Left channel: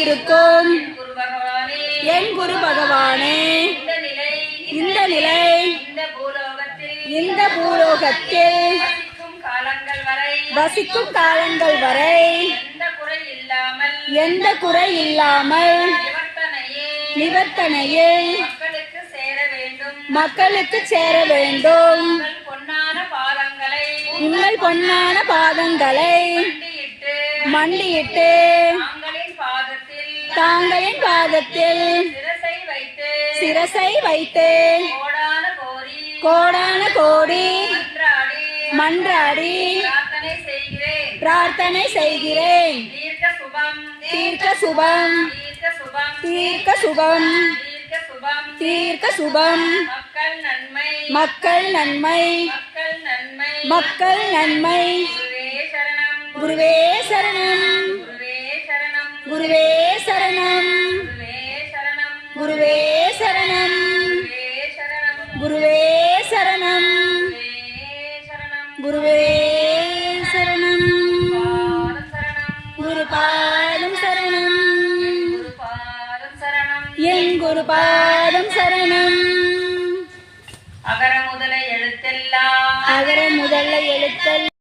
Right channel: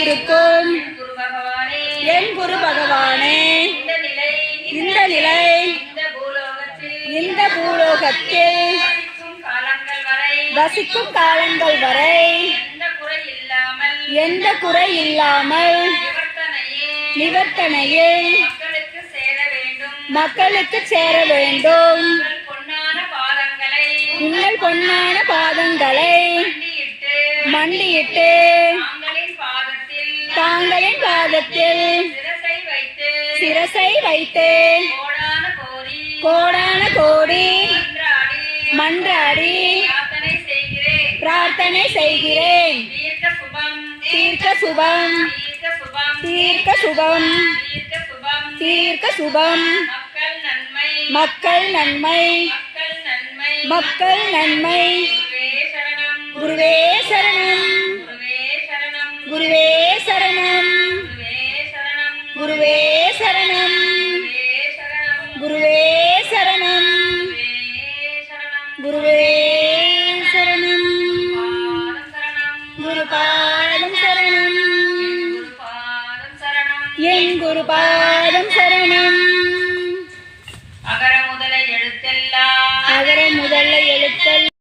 இருக்கும் என் குரு பகவானே, இந்த நிலை இந்த பூலோகத்தில் வசிக்கும் காலங்கள் வரை எந்த குறை இல்லாமல் நிவர்த்தனையில் மக்களுக்கு சேர வேண்டும். உங்கள் பொன்னான பாதங்களை மண்டியிட்டு தாங்களின் பாதத்தில் சிரசை வைத்து கோடான கோடி மன்றாடி பிரார்த்தனை செய்கிறேன். தீர்க்க சுபம் தீர்க்க சுபம் தீர்க்க சுபம். மக்கள் நன்மை மக்கள் நன்மை. குருவே சரணம் குருவே சரணம் குருவே சரணம் குருவே சரணம் குருவே சரணம். குருபாதம் சரணம் என் குருபாதம் சரணம். அகர முதல எழுத்தெல்லாம்